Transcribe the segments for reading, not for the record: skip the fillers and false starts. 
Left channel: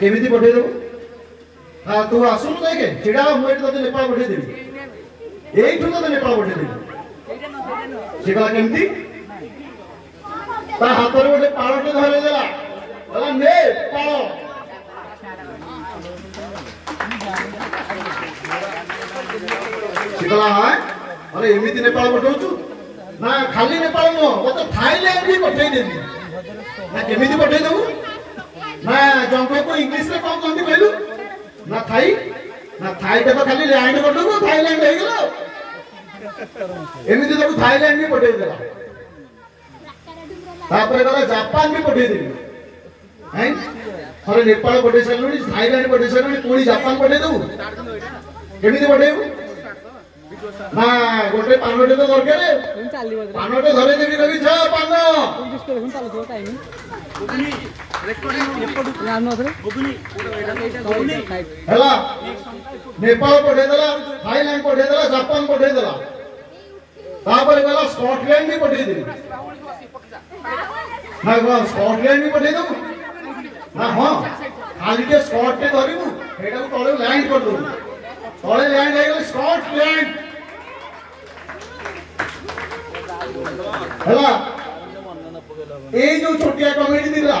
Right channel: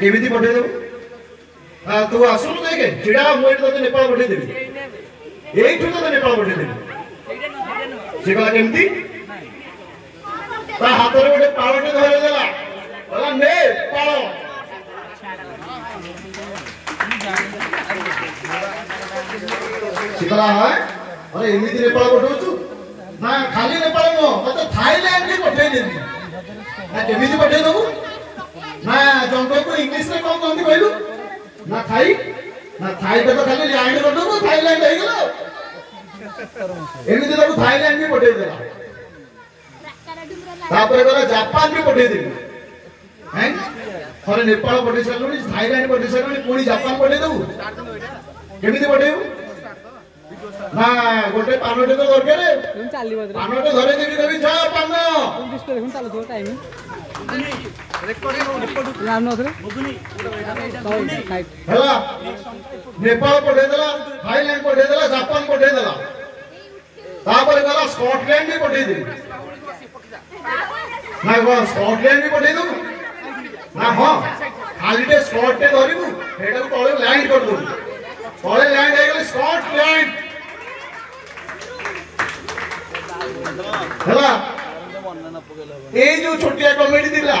केमी पठे देव तू आसुन देखे चिड़ा मुझे तो नेपाल पठे देवी यही तो नेपाल पठे देवी से कहला केमती ता हाथ रे गोटे पाळटे धरे देला कहला ने पाळ से कहला हाय अरे एमिति नेपाल पठौछु ना खाली नेपाल नो मते थाईलैंड भी पठे देवी ना केमिति पठे देबू ना जंको को इंग्लिश रे कोन कहंती कहलु ना थाई तो खाली लैंड पठौ तो थाईलैंड हे गेलो एमिति तो थाईलैंड भी पठे देला तापर गला जापान भी पठे देबी हैं थरे नेपाल पठे सलुनी थाईलैंड पठे सलुनी कोनी जापान पठे देबू केमिति पठेबू ना गोटे पानोटे तो दरकार पानोटे धरे देबी रवि छ पान 29 देखुन चालू थो टाइम हेला नेपाल पठे देला थाईलैंड पठे देला जापान पठे देला तापर गला स्कॉटलैंड भी पठे देबी ना गो स्कॉटलैंड भी पठे देबू ना हां खालीटे स्कॉट ते धरिबू हेडा को तळे लैंड कर दू तळे लैंड हे गेले स्कॉटलैंड हेला ए जो छोटिया कॉमेडी दिला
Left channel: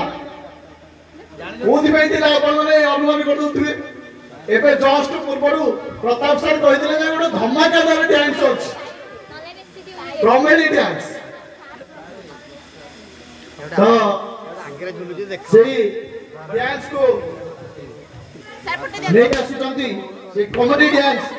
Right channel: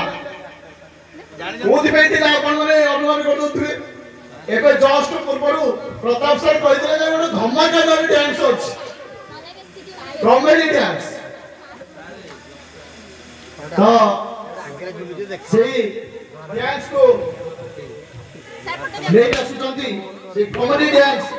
कोथि पे दिला अपन ने अनुमान कर दउथबे एबे जस्ट पूर्वरु प्रताप सर कहितले जे गोटे धमाका दाबी डांस अछि कॉमेडी डांस तो सेही डांस को ले आसुचंती से कॉमेडी डांस